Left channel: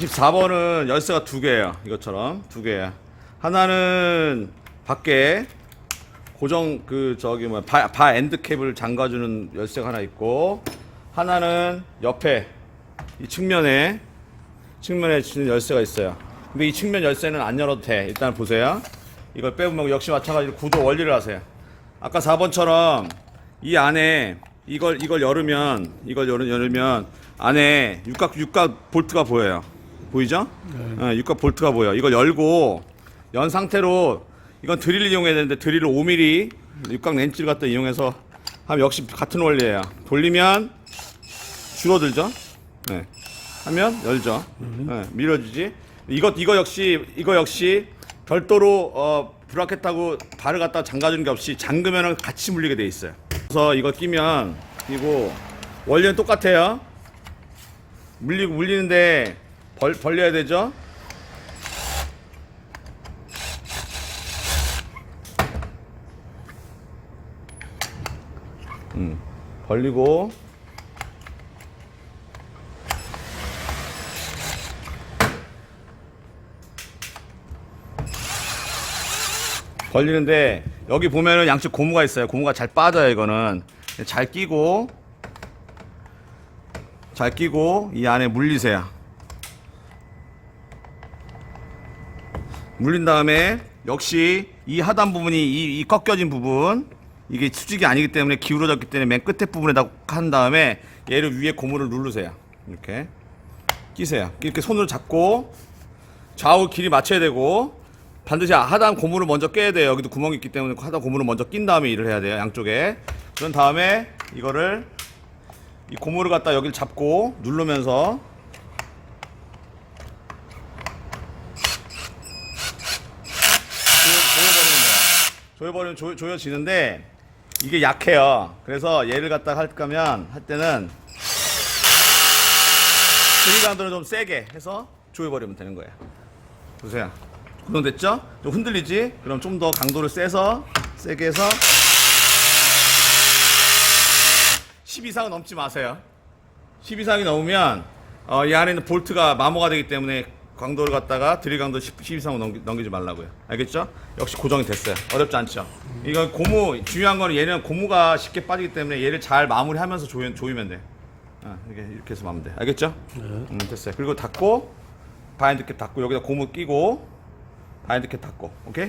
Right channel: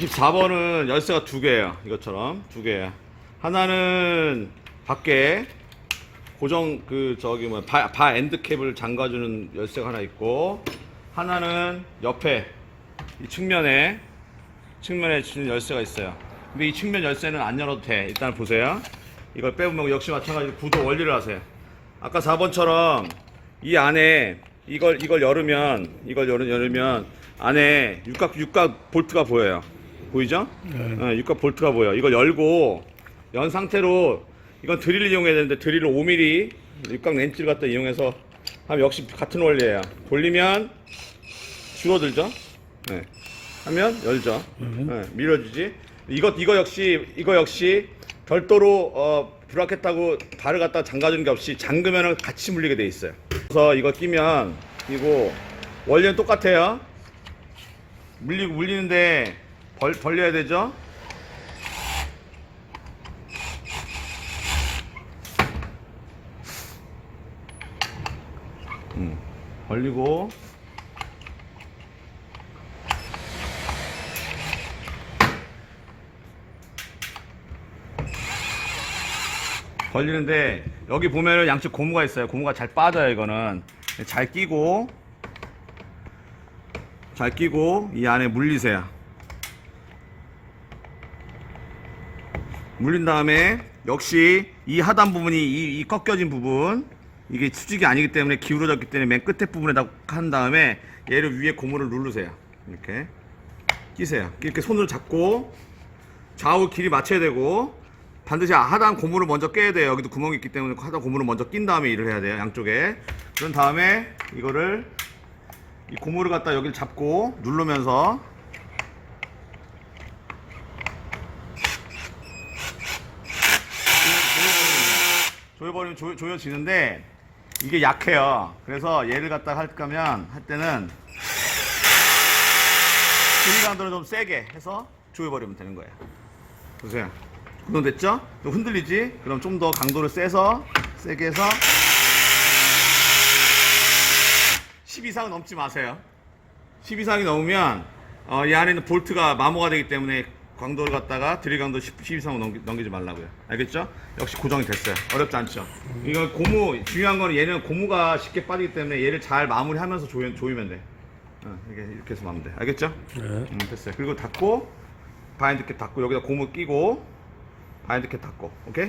24번은 열쇠가 두 개예요. 이것처럼 두 개야. 하나는 밖에 고정 그 저기 뭐바 바 엔드 캡을 잠가주는 열쇠가 하나 있고 하나는 옆에 이 측면에 측면에 지는 열쇠가 있어요. 근데 이 측면 열쇠는 안 열어도 돼. 일단 보세요. 이걸 빼보면 역시 마찬가지로 구조 원리를 하세요. 아까 4번처럼 이 안에 이걸 이걸 열으면 이걸 열으, 열으면 안에 육각 육각 볼트가 보여요. 보이죠? 네, 육각 볼트가 보여. 이걸 열고 연 상태로 이건 드릴을 이용해야 되는데 드릴을 5mm 육각 렌치를 갖다 이용해서 하면 역시 같은 원리예요. 돌리면 줄어들죠? 네. 하면 열죠. 네, 밀어주지. 이거 이거 역시 이거 역시 별도로 어, 브라켓하고 발을 갖다 잠가주는 게 없이 잠그면은 같이 물리게 돼 있어요. 그래서 이거 끼면 그리고 원리는 똑같아요. 물리고 물리는데 벌 벌려야 되죠. 음, 벌리고 걸리는데 여기 보면은 양쪽 고무가 있어요. 고무가 잘 빠져요. 이거는 잘 끼고 잘 끼고 이 안에 물리세요. 물린 다음에 역시 이 하단 부분이 이, 이 꺾여진 부분 이게 수직이 아니기 때문에 기울어졌기 때문에 맨 끝에 부분에다 한 다음에 얘를 위에 고무를 누르세요. 이렇게 끼세요. 이렇게 손으로 잡고 좌우 길이 맞춰야 되고 반드시 하단 고무를 먼저 깨야 돼요. 여기도 구멍이 있기 때문에 하단 고무를 먼저 낀 다음에 일을 해야 돼요. 양쪽에. 그런 다음에 이거를 이 고무를 갖다 여기를 잡고 누르면서 조여버리면 조, 조여지는데 이게 약해요. 그래서 얘를 갖다 할 거면 할 때는 드릴감도는 좀 세게 해서 조여버리면 되는 거예요. 보세요. 구동됐죠? 좀 흔들리지? 그럼 좀 더 강도를 세서 세게 해서 10 이상은 넘지 마세요. 10 이상이 넘으면 어, 이 안에 있는 볼트가 마모가 되기 때문에 강도를 갖다가 드릴 강도 10, 10 이상은 넘기, 넘기지 말라고요. 알겠죠? 역시 고정이 됐어요. 어렵지 않죠? 이건 고무 중요한 거는 얘는 고무가 쉽게 빠지기 때문에 얘를 잘 마무리하면서 조이, 조이면 돼. 어, 이렇게 이렇게 해서 마면 돼. 알겠죠? 네. 음, 됐어요. 그리고 닫고 바인드 캡 닫고 여기다 고무 끼고 바인드 캡 닫고 오케이?